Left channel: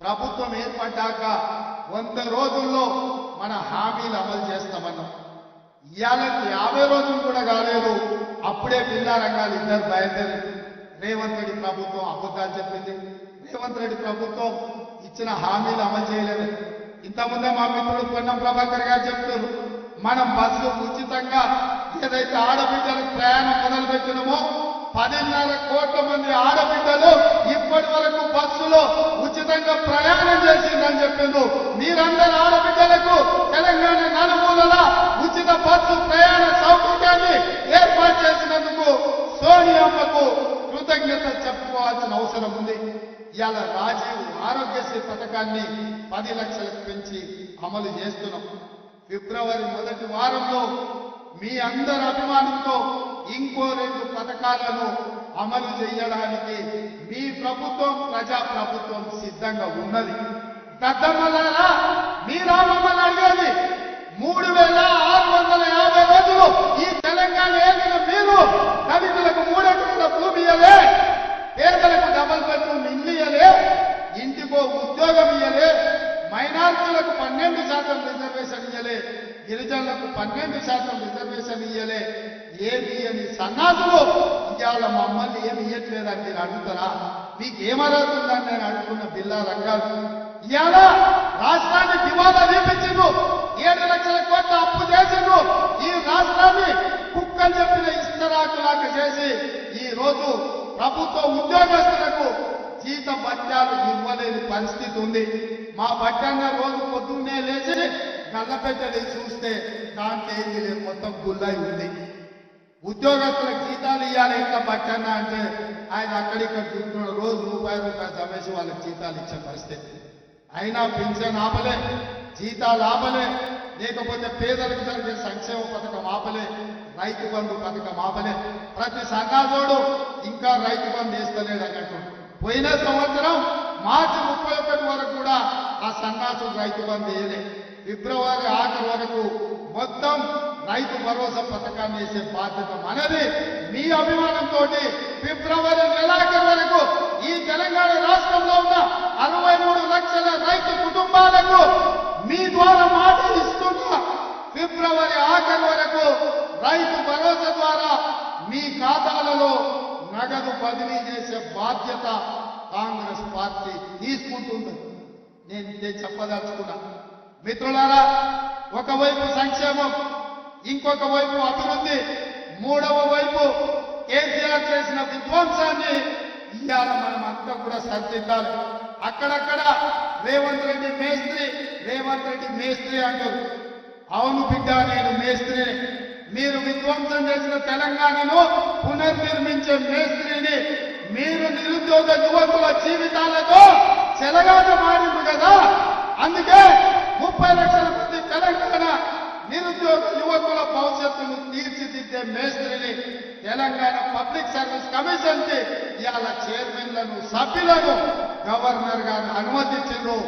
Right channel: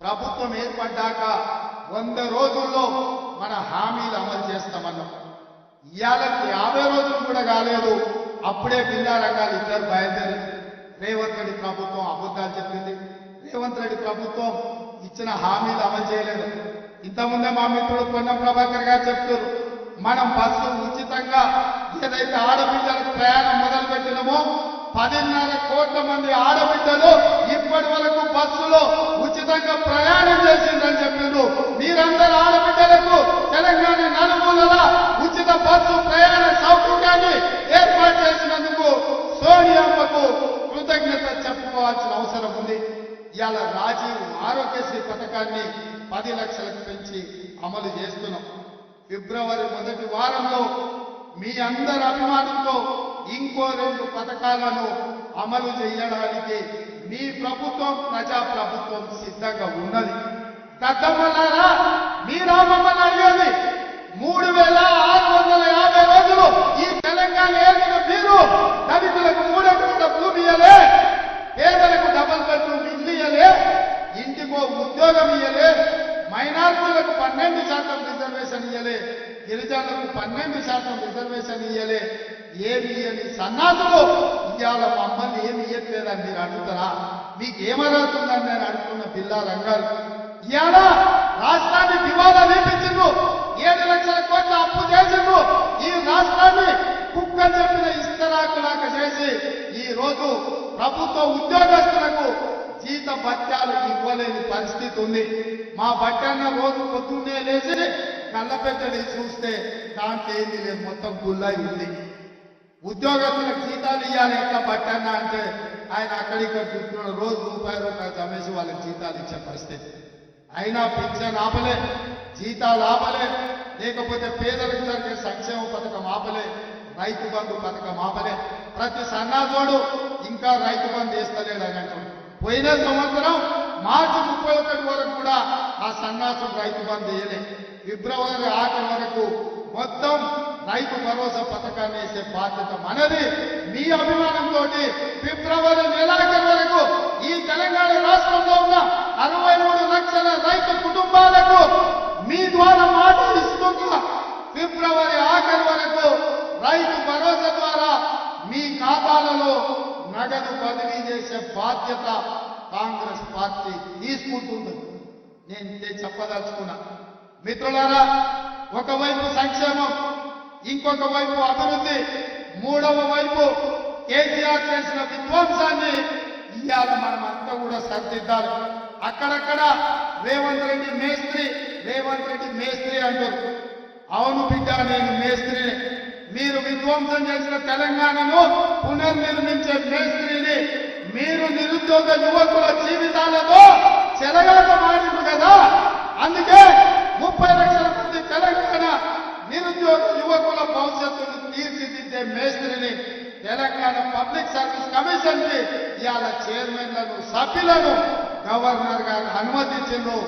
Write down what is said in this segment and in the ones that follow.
ప్రభుత్వం ఏర్పడ్డాక 100 రోజుల్లో మన హామీలు అమలు చేస్తామన్నాం. ఇవాళకి 50 రోజులు కూడా కాలేదు, అప్పుడే బిల్లా రంగాలు ఇద్దరు బయలుదేరి. రేవంత్ రెడ్డి ప్రభుత్వం అబద్ధాలు చెప్పింది. రేవంత్ రెడ్డి ప్రభుత్వం ఇచ్చిన హామీలు అమలు చేయలేదు. ఇంతకుముందే మా మిత్రుడు పొన్నం ప్రభాకర్ గారు చెప్తున్నారు, మనం బస్సు ఉచితంగా ఏదైతే ఆడబిడ్డలకు ప్రయాణం మొదలు పెట్టినామో 10.5 కోట్ల మంది ఆడబిడ్డలు ఇప్పటి వరకు బస్సులో ఉచితంగా ప్రయాణం చేసిందని చెప్పిండ్రు. మీరందరూ ఆడబిడ్డలకు తెలంగాణ నలుమూలల ఉచిత బస్సు ప్రయాణ సౌకర్యాన్ని ఏర్పాటు చేసినందుకు సోనియామ్మకు కృతజ్ఞత చెప్పుకోవాల్సిన అవసరం ఉంది. ఇవాళ రాజీవ్ ఆరోగ్యశ్రీ పథకాన్ని 10 లక్షలకు పెంచి అమలు చేస్తున్నాం. ఫిబ్రవరి మొదటి వారంలో మీ అందరి అభిమానంతో ఇంకో 2 పథకాలను అమలు చేయడానికి మీ ప్రభుత్వం, ప్రజా ప్రభుత్వం సిద్ధంగా ఉన్నది. దద్దమ్మలారా, మీరా మమ్మల్ని అడిగేది 3650 రోజులు ఈ తెలంగాణ ఏలిన మీరు దళితులకు 3 ఎకరాల భూమి ఇయ్యలే, పేదలకు డబుల్ బెడ్రూమ్ ఇల్లు ఇయ్యలే, ఇంటికో ఉద్యోగం ఇయ్యలే, మైనారిటీలకు 12% రిజర్వేషన్ ఇయ్యలే, గిరిజనులకు 12% రిజర్వేషన్ ఇయ్యలే. ఏమి ఇయ్యని సన్నాసులు ఇవాళ మమ్మల్ని ఏమి ఇయ్యట్లేదని మీరు అడుగుతారా? మీకు ఏమరుగుతుందని నేను అడుగుతున్న బిల్లా రంగాలు. ఇవాళ రాష్ట్రాన్ని దివాలా తీపించిండ్రు, 7 లక్షల కోట్ల అప్పు చేసిండ్రు. ఈ రాష్ట్రాన్ని కుక్కని చెప్పిన ఇస్తరాకులాగా చేసి ఈ రోజు ప్రభుత్వ ఉద్యోగస్తులకు జీత భత్యాలు ఇవ్వలేని పరిస్థితి ఉంది. మా బట్టన్న రోజు పొద్దున్నే లేచి గల్లపెట్టది చూస్తే దాంట్లో ఏంది లేదు, మొత్తం గుల్లై ఉంది. ఉద్యోగస్తులకు జీతాలు ఇవ్వాలి ఎట్లా బట్టన్న అంటే ఆయన అక్కడిక్కడ చూస్తున్నాడు, రోజు రూపాయి జమేసి వాళ్ళకి జీతాలు ఇచ్చే పరిస్థితి. అయినా పింఛన్ ఆపలే, జీతాలు ఆపలే, లేకపోతే పేదలకు జరిగే సంక్షేమ పథకం ఆపలే, రైతు బంధు పథకం ఆపలే. ప్రతి సన్నాసోడు ఇంకా రైతు బంధు వేస్తలేడు అని అంటున్నాడు. పోయిన సంవత్సరం మార్చి 31 వరకు కూడా ఆ సన్నాసుడు రైతు బంధు వేయలే. ఫిబ్రవరి ఆఖరి వరకు మొత్తం రైతు భరోసా పథకాన్ని వేసే బాధ్యత మనది. మీ అభిమానంతో ఫిబ్రవరి నెలాఖరు వరకు ఈ తెలంగాణ రాష్ట్రంలో ఉన్న 63 లక్షల రైతు కుటుంబాలకు మీ ద్వారా మాట ఇస్తున్నా, ఫిబ్రవరి ఆఖరి వరకు రైతు భరోసా ద్వారా మీ ఖాతాలలో నగదు బదిలీ చేసే బాధ్యత కాంగ్రెస్ పార్టీ తీసుకుంటుంది. నేను చెప్పదలుచుకున్నా. మిత్రులారా, ఒకవైపు సంక్షేమం, ఇంకొక వైపు అభివృద్ధి, మూడవ వైపు కేసీఆర్ చేసిన విధ్వంసాన్ని ఇవాళ మనం అంతా కూడా సరిదిద్దాలి. అక్కడక్కడ రేవంత్ రెడ్డి మేస్త్రి, రేవంత్ రెడ్డి మేస్త్రి అంటారు. అవును బిడ్డ, నేను మేస్త్రిని. మీరు విధ్వంసం చేసిన తెలంగాణను పునర్నిర్మించే మేస్త్రిని. మీరు నిరుద్యోగ యువకుల జీవితాలతో చెలగాట మారింది కదా, అందుకే 30 లక్షల మంది తెలంగాణ నిరుద్యోగ యువకుల భవిష్యత్తును తీర్చిదిద్దే మేస్త్రిని తెలంగాణ పబ్లిక్ సర్వీస్ కమిషన్ కి ఇవాళ చైర్మన్లను, సభ్యులను గవర్నర్ గారు అనుమతించారు.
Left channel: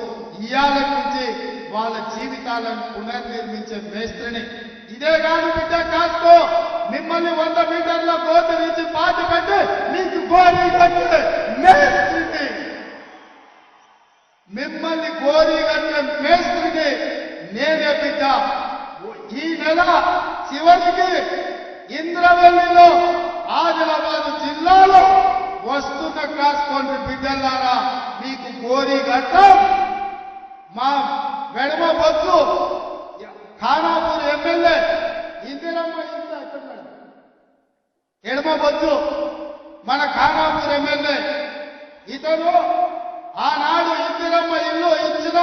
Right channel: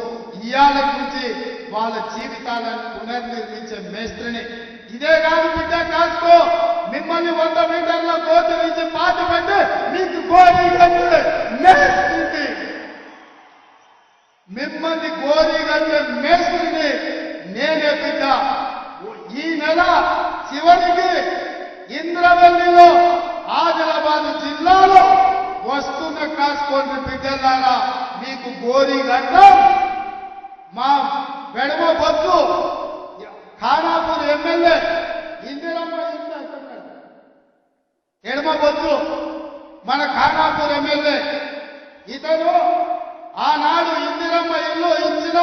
ఇవాళ నుంచి వాళ్ళ జీవితాలను పునర్నిర్మించే మేస్త్రిని. ఇదే కాదు బిడ్డ, కాసుకో, మిమ్మల్ని 100 మీటర్ల గోతి నుంచి పాతి పెట్టి మీకు గోరీ కట్టే మేస్త్రిని, మిమ్మల్ని గోరీ కట్టే మేస్త్రిని నేనే బిడ్డ. ఈ నెల చివరికి ఇంద్రవెల్లిలో, ఆదిలాబాద్ జిల్లాలో వస్తున్న కాసుకోండి బిడ్డలారా, మీకు గోరీ కట్టం. మా వెడమ బొత్తు ఖానాపూర్ ఎమ్మెల్యే ఇందిరమ్మ ఇల్లు ఎక్కడున్నాడు, ఎడమ బొత్తు మన ఖానాపూర్ ఎమ్మెల్యే. ఇతను ఆనాడు ఇందిరమ్మ ఇల్లు ఇచ్చిన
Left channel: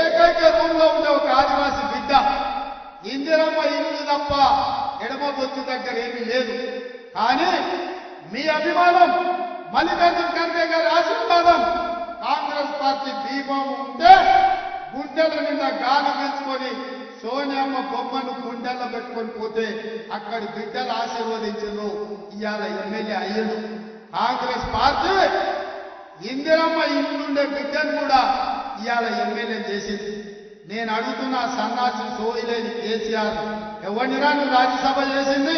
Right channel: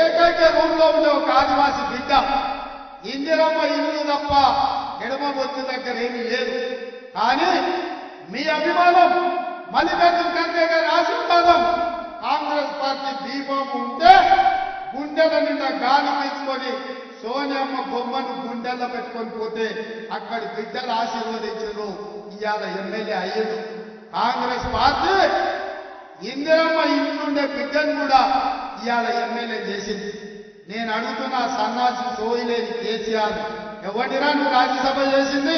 ఏకైక రూమ్ లో ఉండే ఒక ఆదివాసి బిడ్డ. ఇందిరమ్మ ఇల్లు తప్ప ఎడమ బొత్తు దగ్గర ఏమీ లేదు. కానీ మీ అభిమానం, మల్లికార్జున ఖర్గే గారి ఆశీర్వాదం, కాంగ్రెస్ పార్టీ దీపము ఉంటే గుండెల నిండా గాలి పీల్చుకొని సోనియమ్మ బొమ్మను గుండెల్లో పెట్టుకొని పోతే అక్కడి బిడ్డలు ఆశీర్వదించారు. ఇవాళ ఎమ్మెల్యే అయ్యిండు. కాంగ్రెస్ పార్టీ ఇందిరమ్మ ఇంట్లుండే బిడ్డను కూడా ఇవాళ ఎమ్మెల్యే చేసింది. నేను అడుగుతున్న సన్నాసి సోయిలేని కేసీఆర్, ఎవరినిరా నువ్వు రాజ్యసభ చేసింది?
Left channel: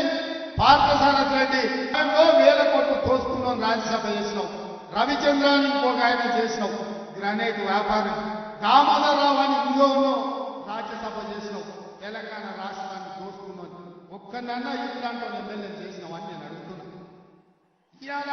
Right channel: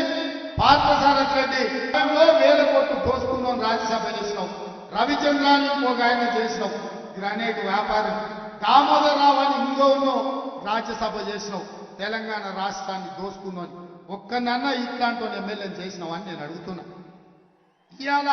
పార్థసారథి రెడ్డి 1000 కోట్లు దోసుకున్నావు, రాజ్యసభ చేసినావు. రవిచంద్రాన్ని ఇంకొక ఆయన చేసినావు. గ్రానైట్ వ్యాపారం. దామోదర్ రావు అని ఇంకో ఉన్నావు, రాజ్యసభ చేసినావు, తెలంగాణ రాష్ట్రాన్ని దోసుకున్నావు. ఒక్కనన్నా ఇట్లాంటి ఎమ్మెల్యేని చేసినావు అని నేను అడుగుతున్నా. ఇవాళ